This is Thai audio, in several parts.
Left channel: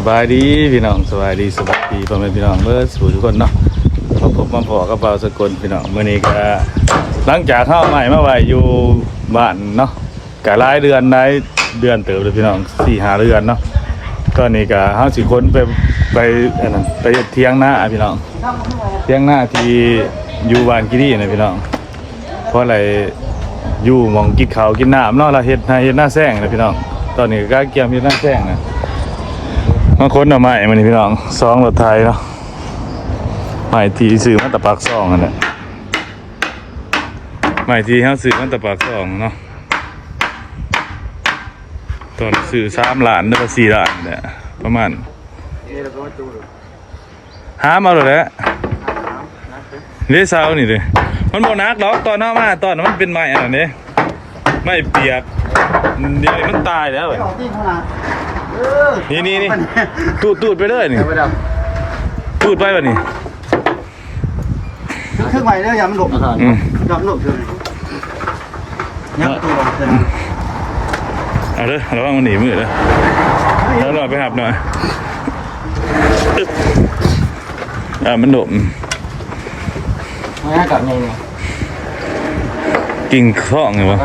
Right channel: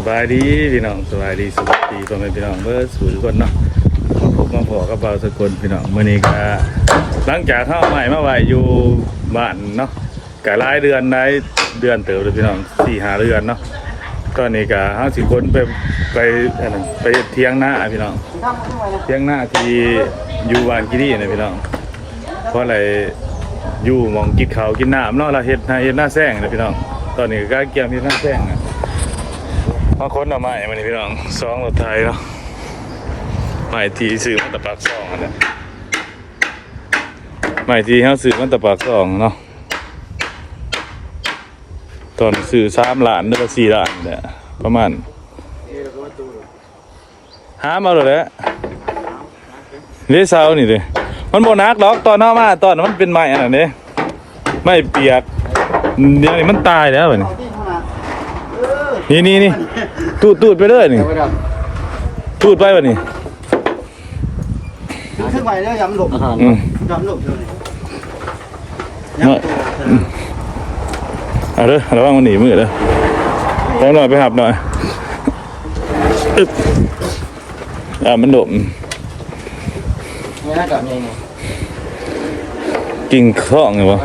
สบายดีพี่น้องสบายดีสบายดีพ่อแม่พี่น้องเมื่อสู่ทุกคนเนาะมาพบมาพอกับเบาสกลพี่น้องมื้อนี้ก็หลังจากเข้าใหม่มาไว้อยู่บ้านเนาะก็หลายเดือนเดือนเติบเลยพี่น้อง 4-5 เดือนเนาะตอนนี้ก็เฮาสิคนไปอันนั้นไปเที่ยงหน้าพี่น้องเที่ยงหน้าที่อยู่บ้านกิรีนะพี่น้องเพราะอะไรอยู่มองกินข้าวกินน้ำเนาะเราเฮ็ดหน้าแซงนะพี่น้องตอนนี้ก็เกี่ยมเฮ็ดหน้าแซงนะบางคนเอาไม้มานี่พี่น้องซองรถไทยเนาะไม้ที่ซื้อมาตะปากซองนั่นแหละไม้ที่เฮาซื้อมาตะปากซองเนาะตอนซื้อ3 ล้านหรือว่า4 ล้านเนี่ยประมาณหามาแล้วแหละเด้เซานี่เด้มันบ่นักดอกตอนเฮามาตอนมันเป็นไม้อันนั้นเด้ไม้เปียกเดี๋ยวมันตายแล้วเว้ยนี่ตูดไปเลยนี่ตูดไปวะนี่ขึ้นไปแล้วยำหลบยำหลบเท่านี้เอาเด้อระวังมันหนีมือเด้อแล้วหน่อยไปหับหน่อยมันหลบไม่ให้กลับนี่กิ่งคล้องไงวะ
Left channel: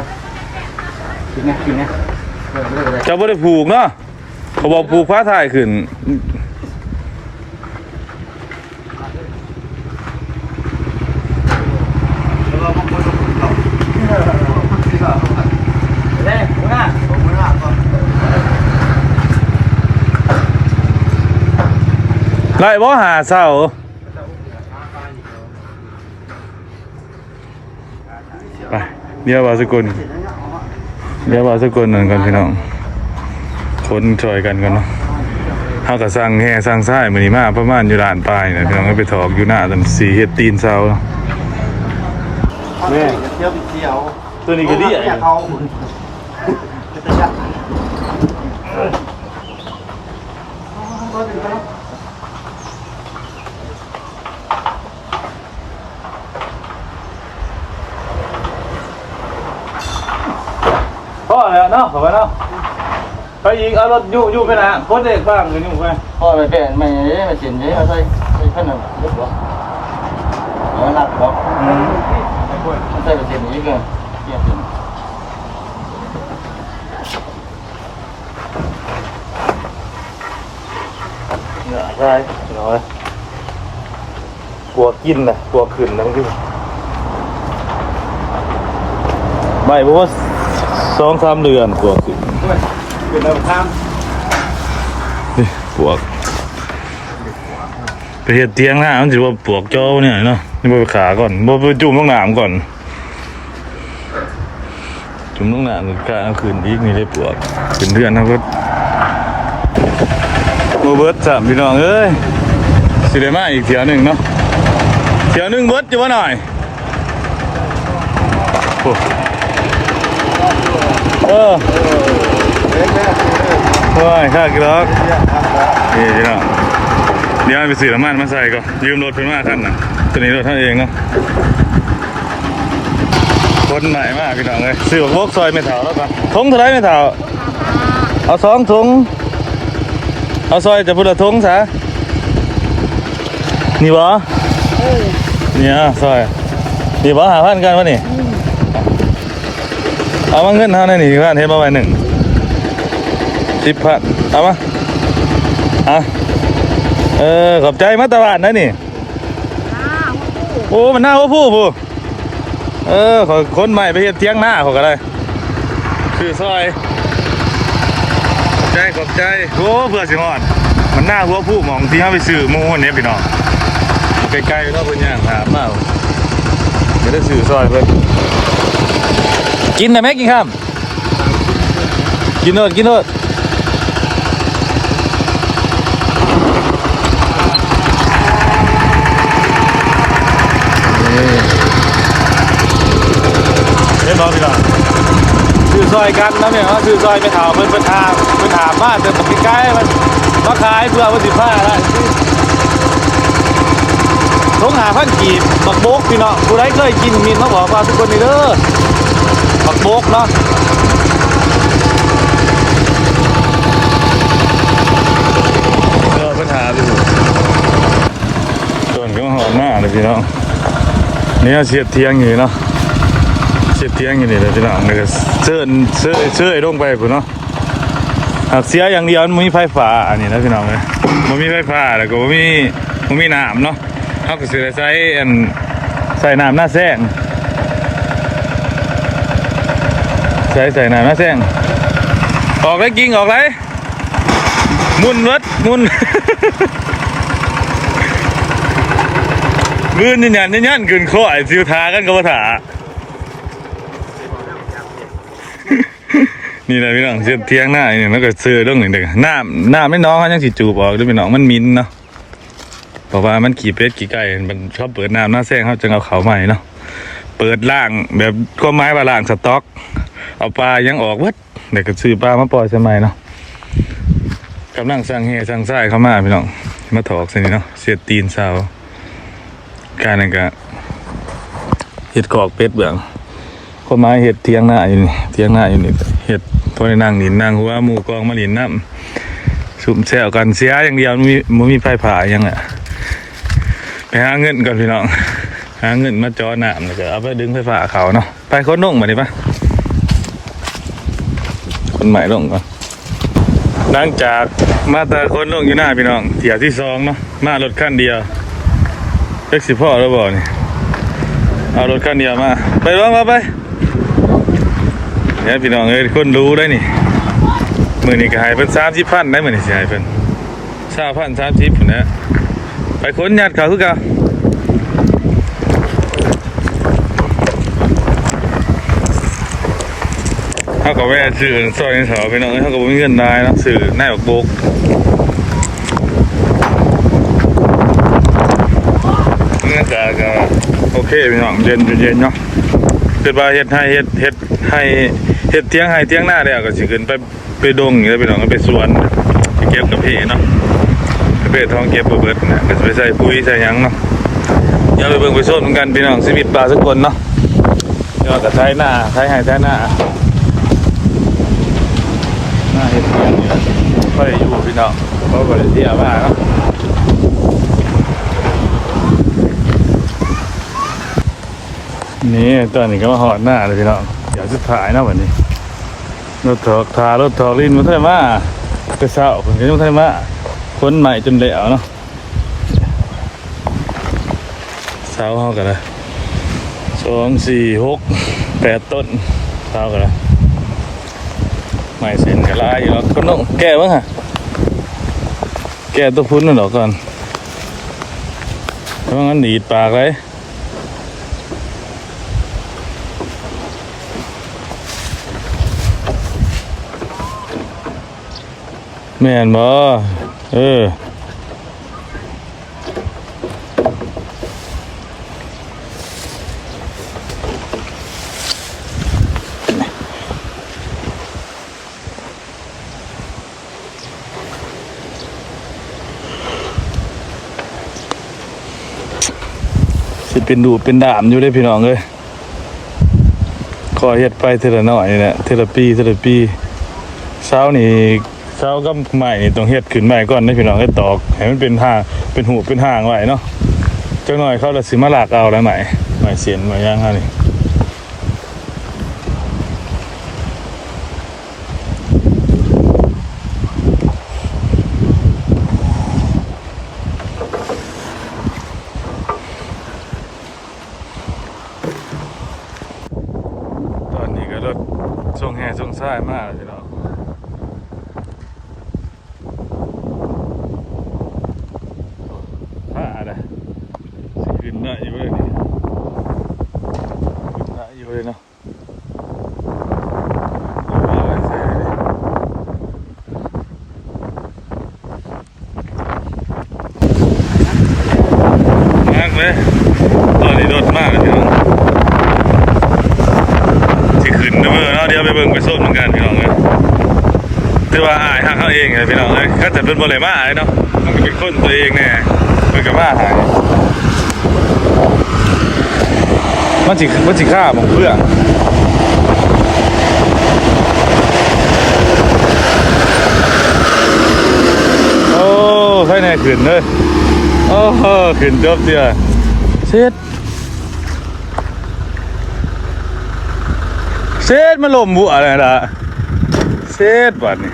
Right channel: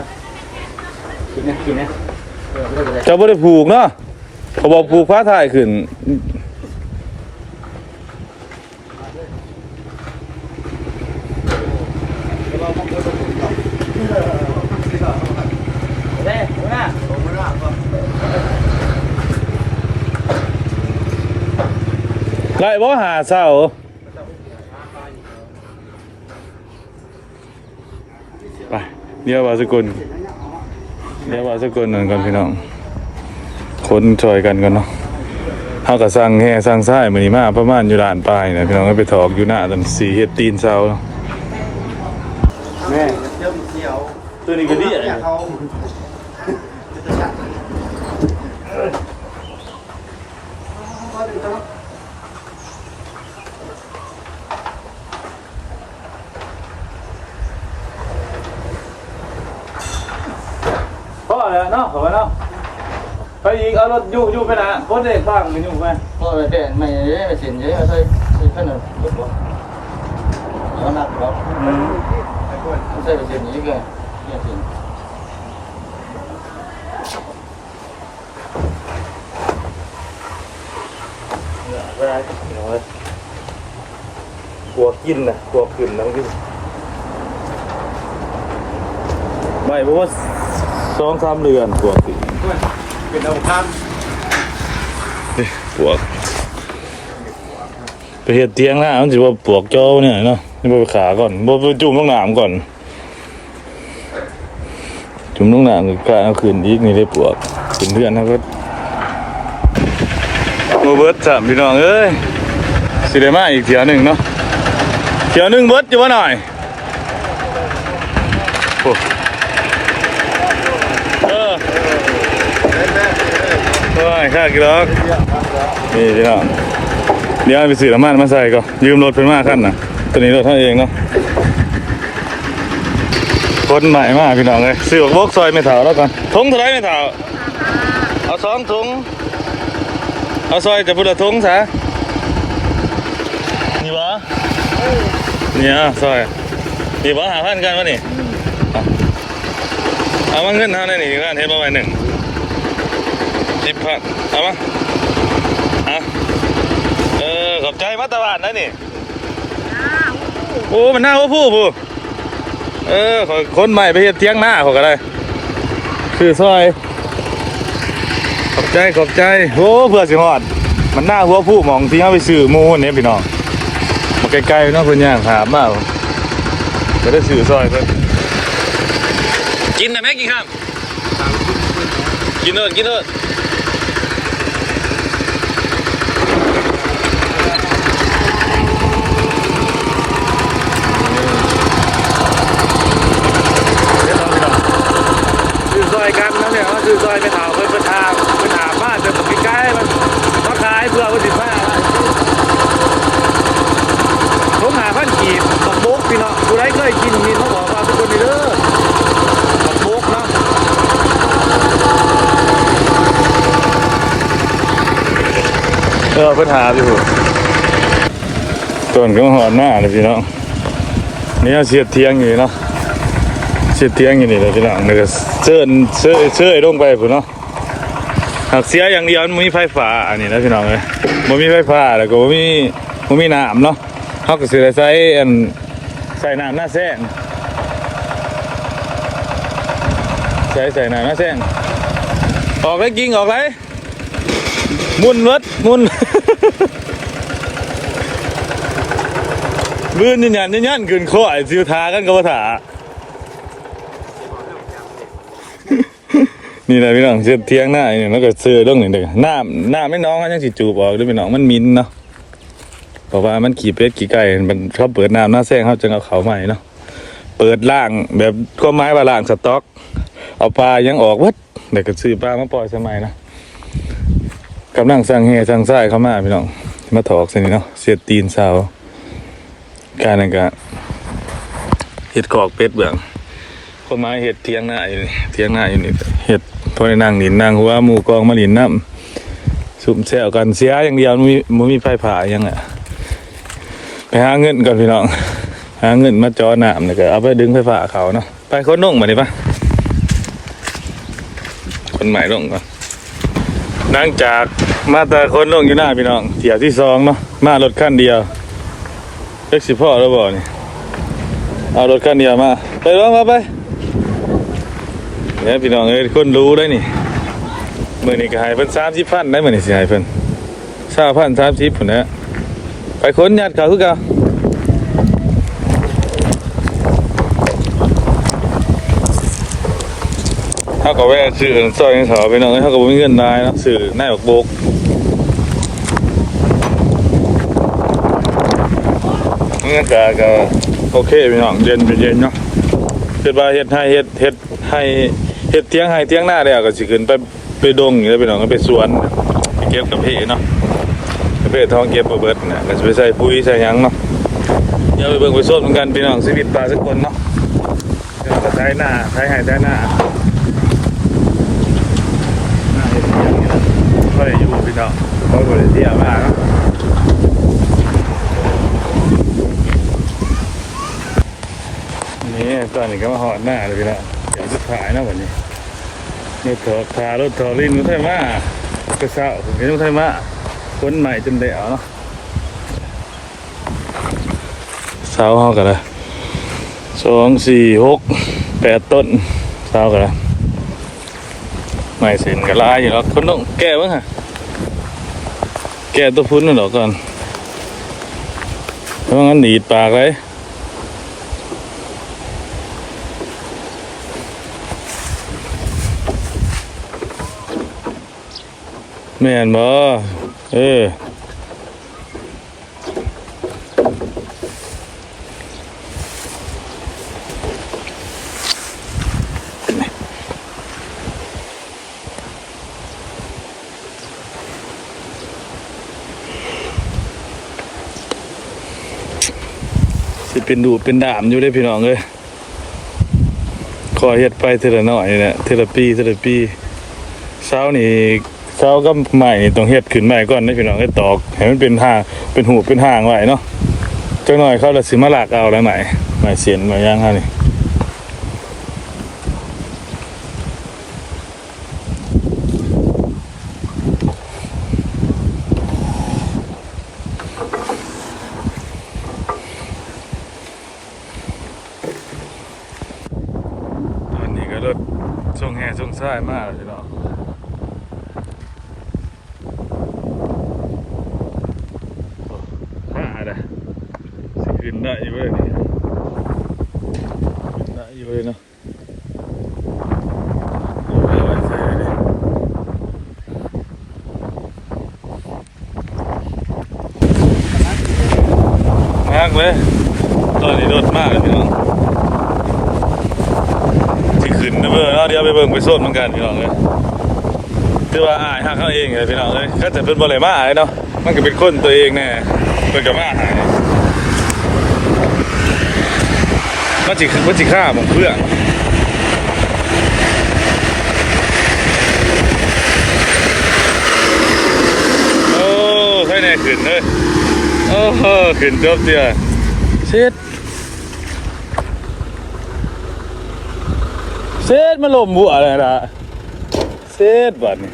กินเนี่ยเจ้าบ่ได้ผูกเนาะเขาบอกผูกฟ้าถ่ายขึ้นไล่บ่หาเศร้าไปเดี๋ยวว่าสกุลนั่นกันพี่น้องคนช่วยกันเนาะเขาก็สั่งแห่สั่งซ้ายมื้อนี้มาประมาณอยู่ด่านปลายนะพี่น้องไปถอกอยู่หน้าตันสีเฮ็ดตีนเซาแม่เที่ยวเที่ยวตัวนี้ก็ดีพ่อเลยเนาะขอไปเนาะไปอีกเอารถยู่ไปนะพ้นเด็กบ้างกันยู่ไปพ่อไปเป็นไม่เยอะมาเฉียนเยอะมาใส่ขนมลึกกว่าแล้วหนักกว่าใส่ไปเฉียนนี้กันเนี่ยได้น้อยกลัวกินนะกลัวขึ้นนะบางทีไม่เพราะว่า2-3 เดือนกลัวขึ้นเป็นเอาทปวกไปเห็ดเตียงหน้ามันสิว่าปวกเจ้าเนี่ยเนาะนี่ไปขาก่อนไปจุ่มลงน้ำก่อนจุ่มลงน้ำก็เอาคืนอีกนี่ได้ปวกเป็นเดือนนะก็โมเบิร์ต3พี่น้องเอ้ยสิได้มาอีกเที่ยวหนึ่งเนาะเที่ยวหนึ่งเบิร์ตอยู่ว่าหน่อยโอ้ค่ากี่ล็อกนี่ครับเดี๋ยวไปซื้อน้ำมันมาใส่ก็ยืมรถเพิ่นมาขั้นนะตัวนี้รถท่านเองเนาะคนใหม่มากพี่น้องเลยซื้อบอกซอยไม่เท่าแล้วกันทงเท่าไรไม่เท่าเอา2 ถุงเอาซอยจะพูดละถุงซะนี่บ่เนี่ยซอยนี่บ่5,000กันวะนี่เอามาเงินเท่านั้นนี่กันเฮ็ดมาไว้1 10,000เอามาขอบใจมาตลาดนะนี่โอ้มันหน้าว่าผู้คนใหม่ไปเฮ็ดเที่ยงหน้าเขาก็ได้ซื้อซอยขอบใจโอ้เพื่อสิฮอดมันหน้าหัวผู้มองที่เขาไปซื้อหมูเนี่ยพี่น้องมาไกลๆนะคุณย่าถามมาไม่ได้ซื้อซอยเพิ่นกินได้ไหมกินข้ามกินโน่นซื้อซอยกันนะเนี่ยเขาซื้อซอยไม่ถามเพิ่นถามมาแต่ผมใกล้มันมาขายเพื่อวัน15อะไรทง5,000 กีบบักโบกพี่น้องผู้ใดเคยกินมีเขาบอกว่าทุกคนนี่เด้อบักโบกเนาะ เ ปัญหาอยู่ต้นก็มาหอดหน้าเลยพี่น้องนี่เสียดเทียงอยู่เนาะเสียดเทียงอยู่นี่เลยพี่น้องนี่ก็เสื้อลงไปพุ่นเนาะหากเสียอย่างเดียวมันมีไฟฟ้าอันนี้นะพี่น้องเลยมันมีไฟฟ้าแล้วก็มันมีน้ำเนาะเขาก็ซื้อใส่น้ำหน้าแซงใส่น้ำหน้าแซงออกเลยกิ้งออกเลยมุนวัดมุน ลื่นยันขึ้นข้อไอ้ซิวทากันกับภาษา นี่แหละพี่น้องเสียเทียงหน้าเนี่ยแล้วก็ซื้อเรื่องหนึ่งเด็กน้ำไม่น้องเขายังสิจูบออกด้วยพี่น้องมันมินเนาะเพราะว่ามันขี่เป็ดขี่ไก่มันชอบเปิดน้ำหน้าแซงเขาจึงเอาเขาใหม่เนาะเปิดล่างแบบข้อไม้ว่าล่างสต๊อกเอาปลายังออกวัดเด็กก็ซื้อปลามาปล่อยใช่ไหมเนาะกำลังสั่งเฮียสั่งไส้เข้ามาพี่น้องมาถอกสิเนาะเสียตีนสาวการนั่นก็เห็ดกอกเป็ดเบื้องคนไม้เห็ดเทียงหน้าอยู่นี่เเห็ดพอในนั่งหนินนั่งหัวหมูกองมาหลินน้ำสุ่มแซวกันเสียอย่างเดียวมันมีไฟผ่ายังอ่ะไปหาเงินก่อนพี่น้องหาเงินมาจ่อน้ำนี่ก็เอาไปดึงไฟฟ้าเขาเนาะไปคนลงมาดิปะคนใหม่ลงก่อนหลังจากมาแต่คนลงอยู่หน้าพี่น้องเที่ยวที่2เนาะมารถคันเดียวเล็กสิพ่อแล้วบ่นี่เอารถคันเดียวมาไปลงมาไปเนี่ยพี่น้องเอ้ยคนรู้ได้นี่มือนี่ก็หายเพิ่น30,000ได้มือนี่สิหายเพิ่น30,030พุ่นนะไปค้นญาติเขาคือเก่าเขาก็แวะซื้อซอยนี่เถอะพี่น้องเอ้ยเขาก็บ่มีเงินได้เนาะซื้อหน้าบักโบกเงินก็โอเคพี่น้องเย็นเนาะเกิดว่าเฮ็ดเตียงให้เตียงหน้าแล้วก็สิขึ้นไปดงอย่างนี้พี่น้องก็ไปสวนไปเก็บกับพี่เนาะไปเพทองเก็บเบิดน่ะก็ไปใส่ปุ๋ยใส่หยังเนาะอย่าไปเบิ่งไปโซนเหมือนกันพี่น้องชีวิตปลาสักคนเนาะเดี๋ยวก็ไถหน้าไถให้ไถหน้าเฮ็ดเตียงนี่แหละบ่ได้อยู่พี่น้องบ่ได้เที่ยวมาเนาะนี่ตอนนี้ก็มาหอดหน้าเลยพี่น้องอยากจะถ่ายนะวันนี้รถถอกลิ้นมันเท่าไหร่มาแต่เช้าผมก็ยังเท่าไหร่มาคนใหม่จนเหลวเนาะเช้าห้อกันเลย2 4 6 8ต้นเช้ากันเลยใหม่เส้นกระลายอยู่แล้วคนต้องแก้บ้างฮะแก้ตัวพุ้นนั่นหรอก่อนเพราะงั้นหนีปากไว้แม่นบ่สิเป็นดูเป็นดามอยู่ได้พี่น้องเอ้ยขอเฮ็ดไปเทละหน่อยเนี่ยเทละปีเช้าก็ใหม่ต้องเฮ็ดขึ้นใหม่ก่อนนะพี่น้องให้ตอกให้มันเป็นห่างเป็นหูเป็นห่างไว้เนาะจักหน่อยเขาละสิมาลากเอาแล้วใหม่เสียนมาย่างเฮานี่ตอนนี้ก็รถส่งแห่ส่งซ้ายมากพี่น้องขึ้นได้อยู่เลยนี่ได้อยู่เลยเนาะมากเลยตอนนี้รถมากเลยพี่น้องที่ขึ้นนะเพื่อนเนาะเดี๋ยวไปเบิ่งไปโซนเหมือนกันพี่น้องเลยถือว่าอายหักเขาเองเลยพี่น้องเลยก็จะเป็นบริมาเลยเนาะมันก็เป็นคนตัวเองแน่เป็นกับมาหายมันสิฆ่าของเพื่อโอ้ใครแน่ ขึ้นเลยโอ้โหขึ้นจบเดียวเสร็จมาลมบัวอะไรล่ะเสร็จบัดนี้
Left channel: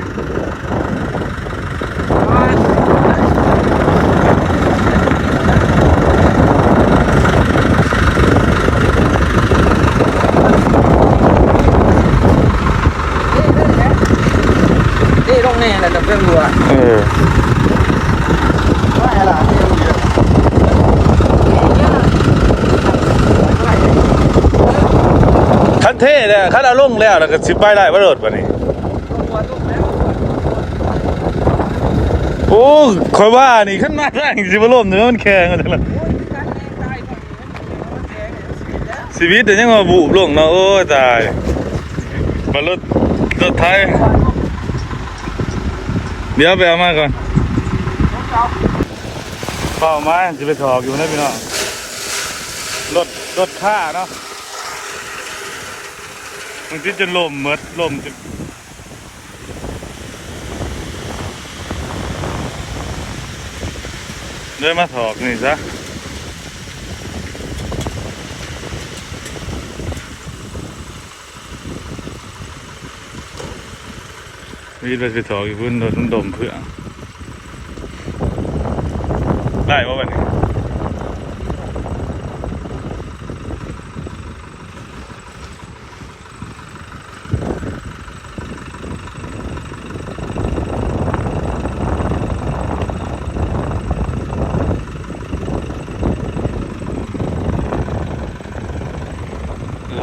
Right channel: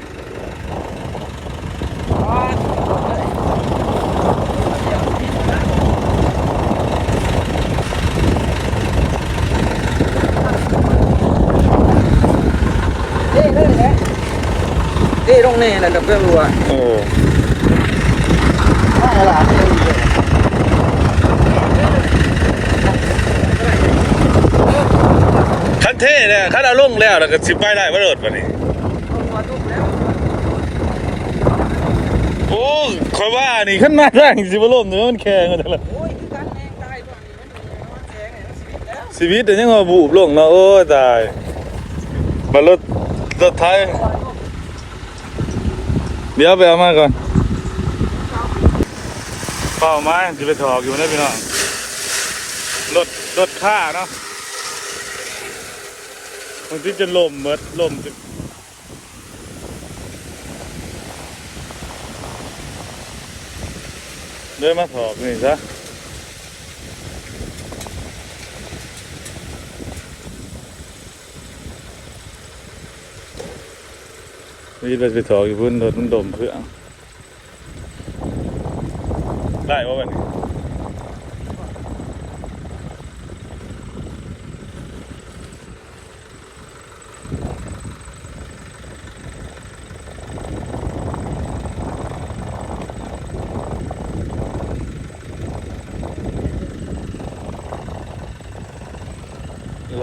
นี่ต้องนี่แหละกับเพื่อนรัว ได้ละคันเท่เนี่ยคันเอาลงแล้วแล้วก็สิไปได้บ่โดดบัดนี้โอ้ข่อยว่านี่คันหน้าแรงสิบ่ล่มเด้อมันแข็งจังล่ะชีวิตแต่ยังมาบูบลงเนาะโอ้ยตายมารถไทยเดี๋ยวไปเอามาก่อนเป้าไม้จะไปถอกอยู่นะพี่น้องรถค่าเนาะบางทีจะล่มเมดล่มจะเดินมาถอกนี่ซะมีไปถอกอยู่พื้นรถมันดมเพื่อได้ป่ะวันนี้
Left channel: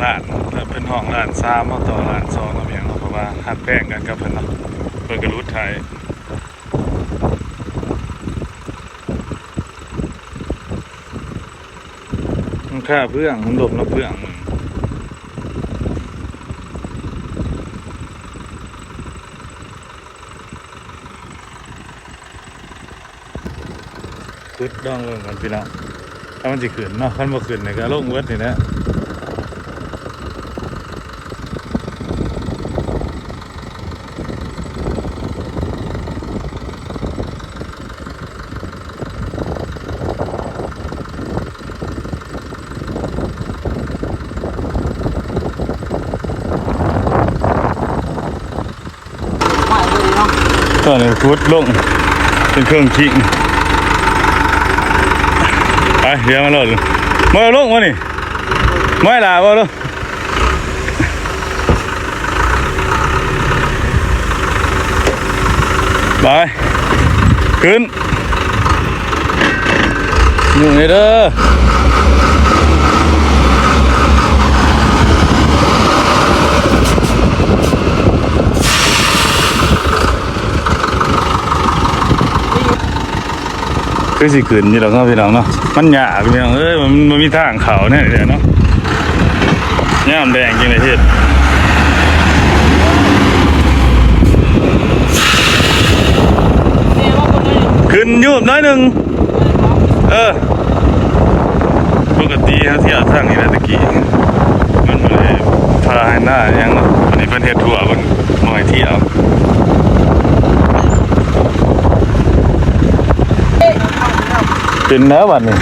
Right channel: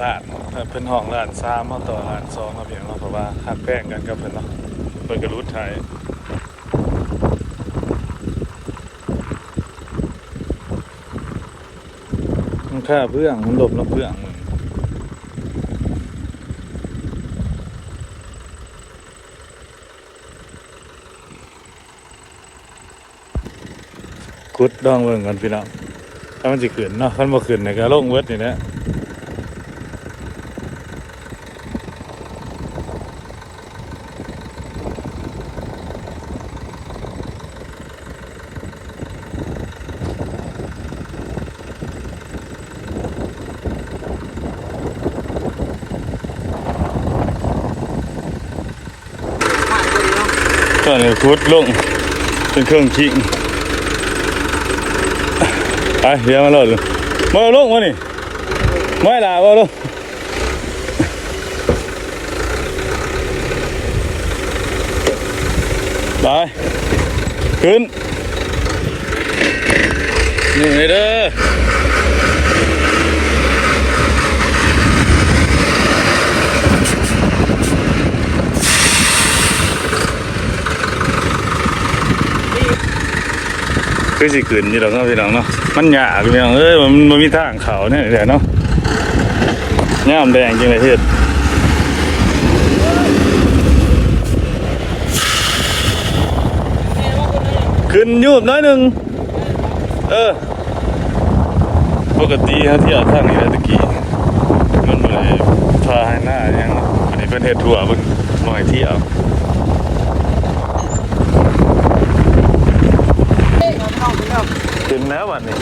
ร้านถ้าเป็นห้องร้าน3เอาต่อร้าน2เอาเพียงเนาะเพราะว่าหักแป้งกันกับเพิ่นเนาะเพิ่นก็รู้ไทยมันค่าเพื่องมันหลบแล้วเพื่องกุดดองเบิ่งกันพี่น้องถ้ามันสิขึ้นเนาะคันบ่ขึ้นนี่ก็ลงเบิดนี่แหละตอนนี้ฟุตลงเป็นเครื่องคิงไปเดี๋ยวมาโหลดมาลงมานี่ไม่ล่ะมาลงไปขึ้นอยู่นี่เด้อคือสิขึ้นนี่เราก็พี่น้องเนาะมันหยาบพี่น้องเอ้ยมันมีทางเขาเนี่ยเดี๋ยวเนาะงามแดงจริงเลยเฮ็ดขึ้นยูบน้อยหนึ่งปกติเขาเที่ยวทางนี้แล้วตะกี้มันบ่ได้พาให้หน้ายังเนาะวันนี้เพิ่นเฮ็ดทั่วเพิ่นบ่ให้เที่ยวเป็นแล้วบัดนี้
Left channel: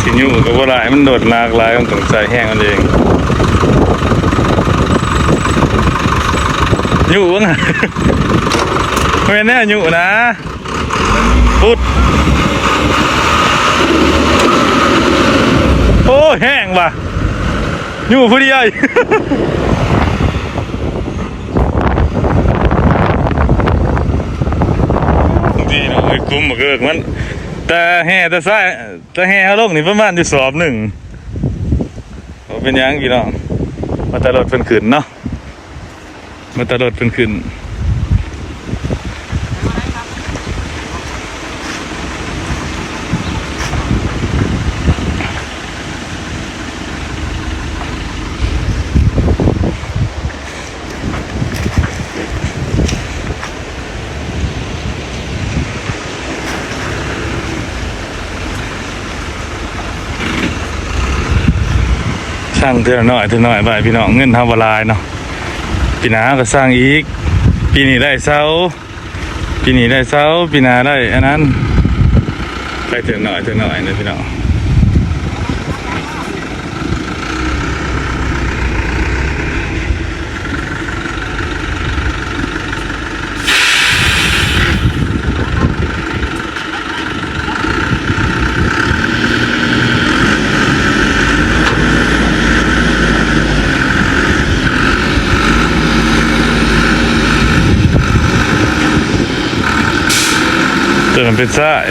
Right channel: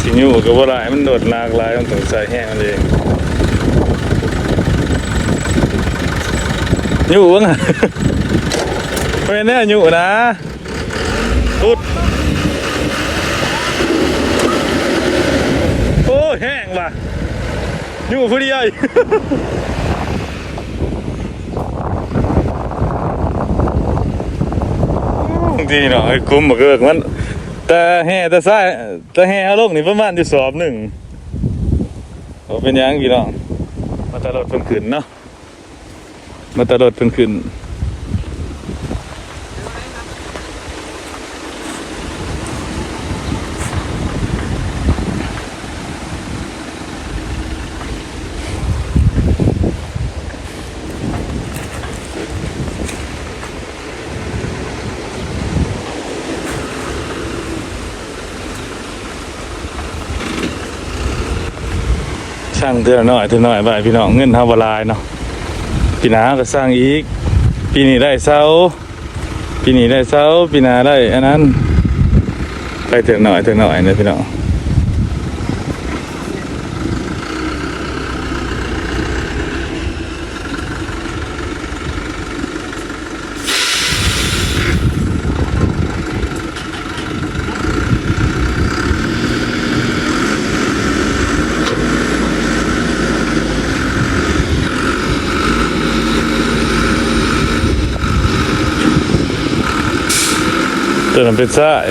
สิอยู่กับว่าหลายมันโดดลากหลายมันต้องใส่แห้งมันเองอยู่วะน่ะไม่แน่อยู่นะอุดโอ้แห้งว่ะอยู่พอดีไอ้ดีเนาะไอ้กุ้มบอกเกิดมันแต่แห่แต่ซ้ายแต่แห่เอาลงนี่ประมาณอยู่สอบหนึ่งเป็นยังกี่น้องมาตลอดเป็นขืนเนาะมาตลอดเป็นขืนช่างเท่าน้อยไปพี่น้องเงินทำบลายเนาะปีหน้าก็สร้างอีก ปีนี้ได้เสาปีนี้ได้เสาปีหน้าได้อันนั้นไปเถอะหน่อยนะพี่น้องตัวมันเป็นซ้าย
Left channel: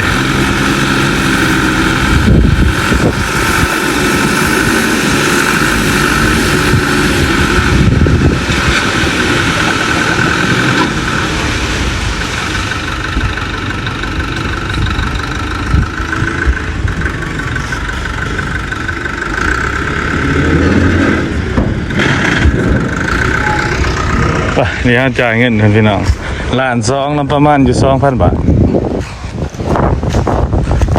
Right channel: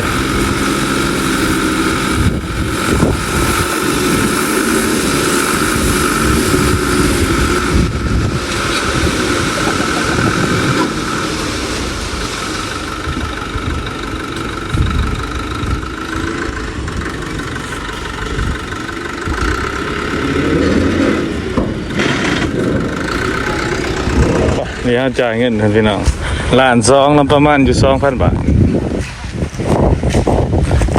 นี่ฮะจ่ายเงินท่านพี่น้องล้านสองแล้วประมาณอยู่ 2,000 บาท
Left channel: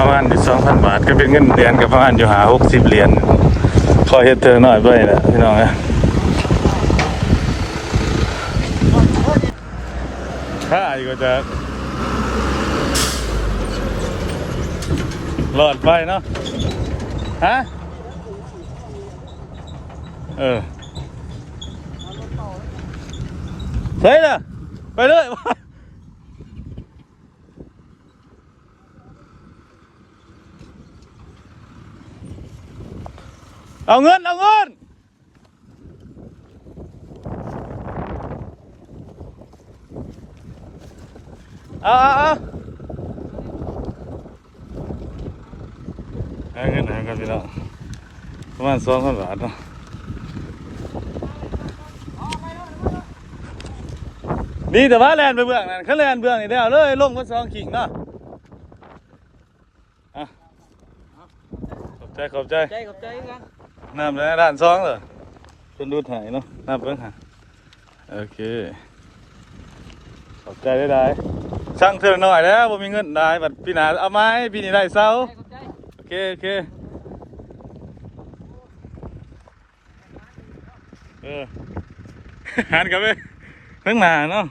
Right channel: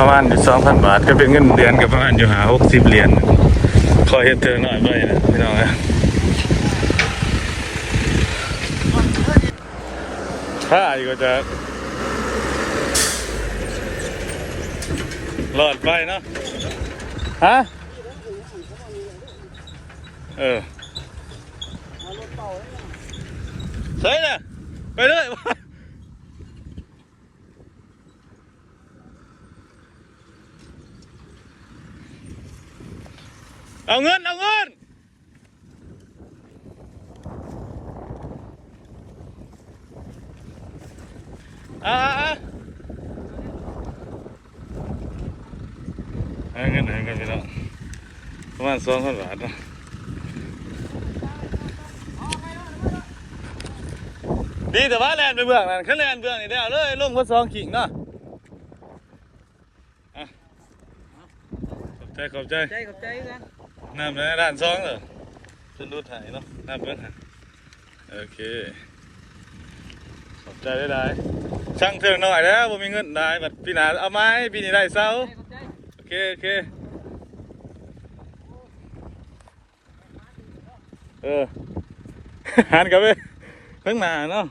ประมาณอยู่ 2,000 บาทก็เป็นเงินเหรียญกับประมาณอยู่60 เหรียญพอเฮ็ดเธอหน่อยไปแหละพี่น้องนะถ้าอีกก็จะหลอดไฟเนาะฮะใช่น่ะไปเลยเอาเงินเอาเงินเอาเงินกันพี่น้องประมาณ 2,000 บาทเนาะดีแต่ว่าแลนไปเบื้องนั่นเขาแลนเบื้องนี่เดียวเลยลงวัดซองขิงเนาะขอบใจกันน้ำในด้านซองเหรอจะดูถ่ายเนาะน้ำเพิ่งหาโอเคขอบใจได้ช่างเธอหน่อยแล้วผมมีเงินได้บัดพี่นาเอาไม้พี่นี่ได้เศร้าโอเคหันกลับไปเพิ่งมาเนาะ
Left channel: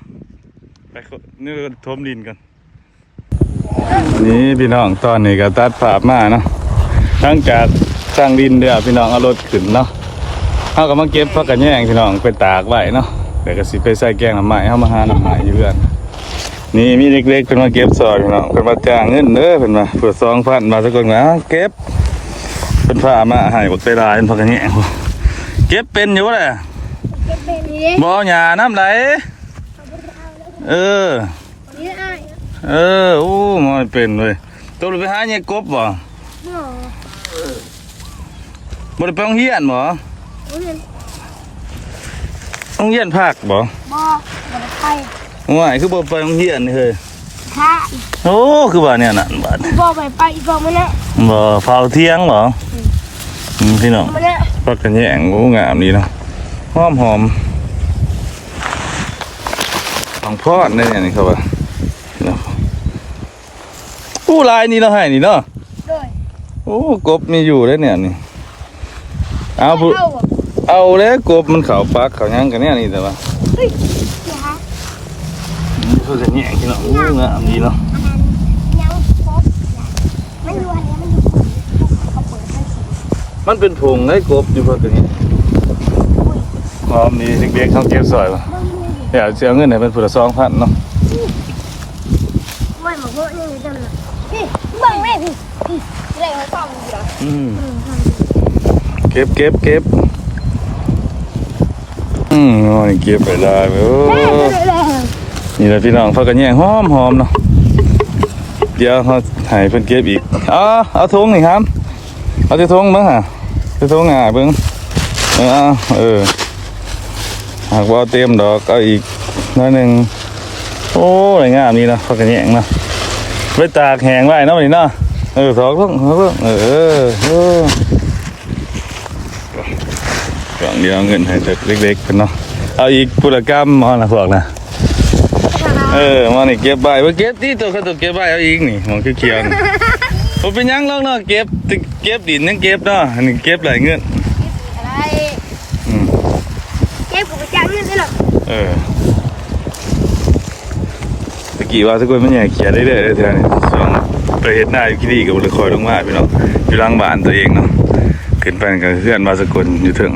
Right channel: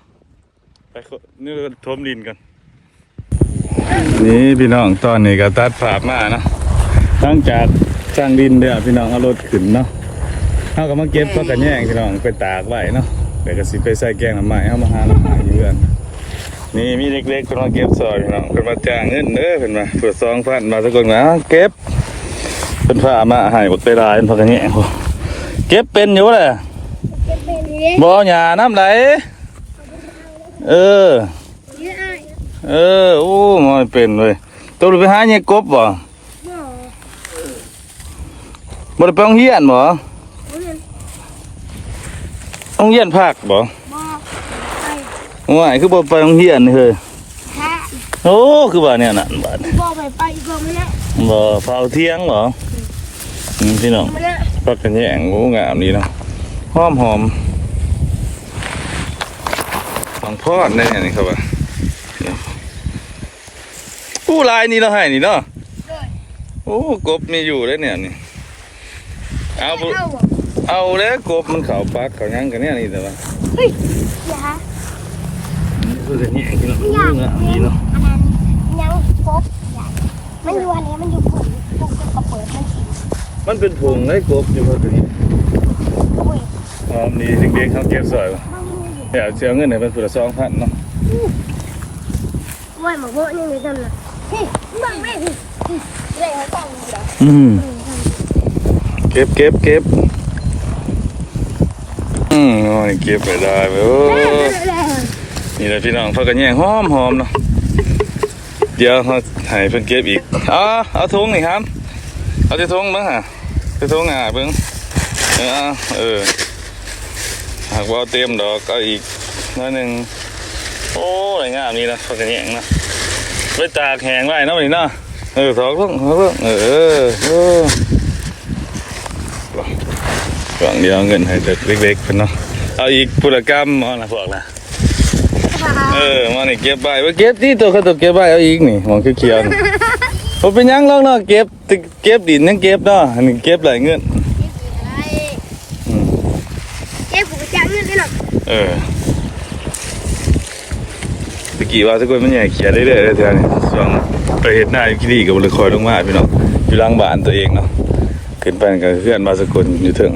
ไปนี่ทมดินกันนี่พี่น้องตอนนี้ก็ตัดภาพมาเนาะทั้งจากสร้างดินเดี๋ยวพี่น้องเอารถขึ้นเนาะเขาก็มาเก็บพักกันแย่งพี่น้องไปตากไว้เนาะแต่ก็สิไปใส่แกงน้ำไม้เขามาหาน้ำไม้อยู่เพื่อนนี่มีเล็กๆเป็นมาเก็บซอยพี่น้องเป็นมาจ้างเงินเด้อเป็นมาเผื่อ2,000มาสักคนนะเก็บเป็นผ้ามาให้บดไปลายเป็นพักกันแย่งเก็บเป็นอยู่เลยบ่หยาน้ำไหลโอ้ไม่เป็นเลยตัวไปหาเนี่ยกบบ่บ่ได้ไปโรงเรียนบ่โรงเรียนภาคบ่ว่าคือบ่ไปโรงเรียนเฮ้ยโอ้คือว่าเนี่ยน่ะบาดบ่ไปอีกบ่มื้อนี้บ่เฝ้าเที่ยงบ่พี่น้องพักกันแย่งโอ้งามดีเนาะหอมหลวงพ่อได้ยังนี่ครับว่าผู้ลายนี่เราให้นี่เนาะโอ้กบมีอยู่แล้วเนี่ยนี่เอาแล้วกบมันเขาปักเขายังกันเนี่ยนี่แต่ว่าเพื่อกันแย่งที่เนาะงามดีเนาะมันเป็นผงได้กบอยู่เพื่อกันนี่พอมีเด็กๆเขาเก็บสวยป่ะเดี๋ยวเสียเงินไหนเป็นผู้ละ2,000เนาะเก็บโอ้ยเก็บไปได้โอ้นี่แหละพี่น้องเขากันแย่งหอมเนาะเดี๋ยวเขาถ่ายเพิ่นเก็บอีกเอาถุงนี่ครับเอาที่ถุงมั้งฮะที่ถุงเบิ่งหากว่าเตรียมดอกเอาอีกน้อยหนึ่งโอ้ยงามนี่นะเขากันแย่งนะไว้ตากแห้งไว้เนาะนี่เนาะสองกล่องเดียวเงินให้จากเล็กๆกันเนาะเอาอีกปุรกรรมมาละพวกนะมานี่เก็บใบว่าเก็บที่ตัวเขาตัวเก็บใบเอาอีกนี่มองเขียวๆนี่ผมเป็นยังลองเนาะเก็บดินยังเก็บเนาะอันนี้เก็บหลายเงินเก็บผมจะเงินได้หรอ ตะกี้ว่าทุกคนมันใหญ่เขียได้เรื่อยๆเลยเท่านี้ส่วนไปเห็ดหน้าอยู่ที่นี่กับบริคอยลงมาพี่น้องอยู่หล่างบ้านตัวเองเนาะขึ้นไปกับเพื่อนมาสกลอยู่ถึง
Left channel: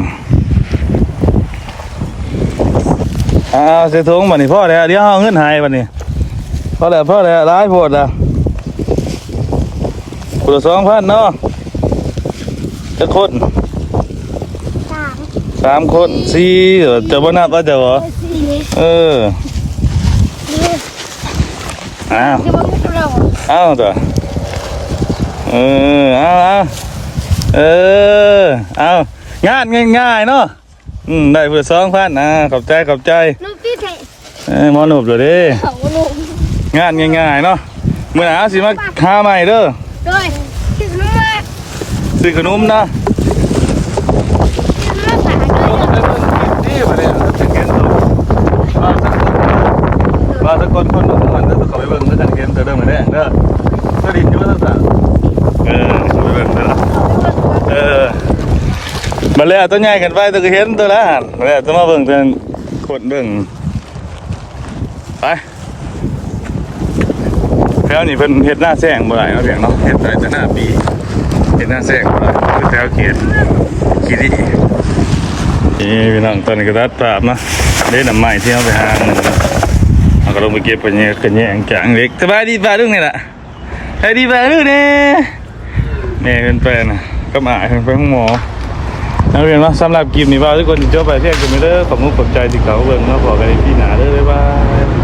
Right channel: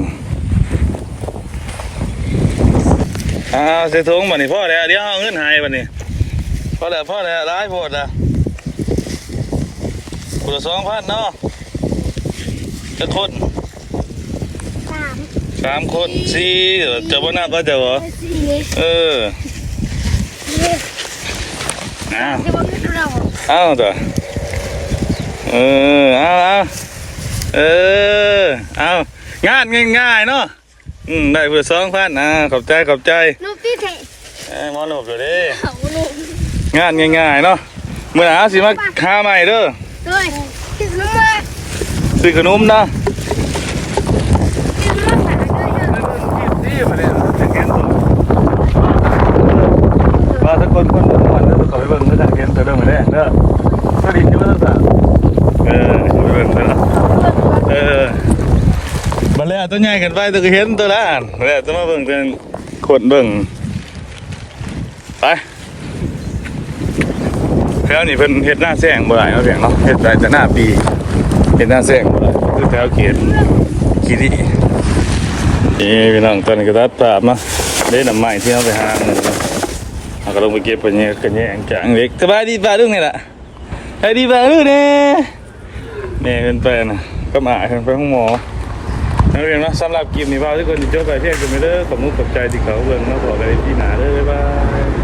เสียทงบัดนี้พ่อแล้วเดี๋ยวเอาเงินหายบัดนี้พ่อแล้วร้ายโพดละคนละ2,000เนาะจะคน 3 คน4จะบ่นับว่าจะบ่เอออ้าวเอาตัวเอางานง่ายๆเนาะได้เพื่อ2,000ขอบใจลูกที่เท หมอหนุบเลยดิงานง่ายๆเนาะเมื่อหาสิมาหาใหม่เด้อ ด้วยถึงน้ำมา ซื้อขนมนะ ถึงน้ำขายนี่มาเนี่ยจะเห็นตัวมาตะโกนคนเด้อเขาไปเบิ่งแล้วจะเห็นตัวเด้อมาแดงเด้อก็ดีอยู่ว่าตั้งแต่เขาไปเบิ่งเด้อมาแล้วตัวใหญ่กันไปตัวก็เห็นตัวละมาแล้วต้องมาเบิ่งตัวกดเบิ่งไปแถวนี้เพิ่นเฮ็ดหน้าแซงบ่ได้เนาะเพียงเนาะเฮ็ดได้แต่หน้าปีเฮ็ดหน้าแซงบ่ได้คือแถวเขตขี้ดีพี่น้องตอนนี้ก็ตัดภาพเนาะได้น้ำไม้ที่เอาไปหาเงินเนาะเอาก็ลงไปเก็บไปเนี่ยกันแยงจางเล็กสบายดีป่ะลุงนี่ล่ะสบายดีป่ะลุงนี่เพิ่นไปน่ะก็มาเพิ่นไปห้องหมอแล้วเห็นว่าสำหรับคลิปนี้ว่าทุกคนจะจบไปเพียงแค่นี้เด้อขอบคุณขอบใจที่เขาเบิ่งมาบอกกันที่หน้าเด้อบ๊ายบาย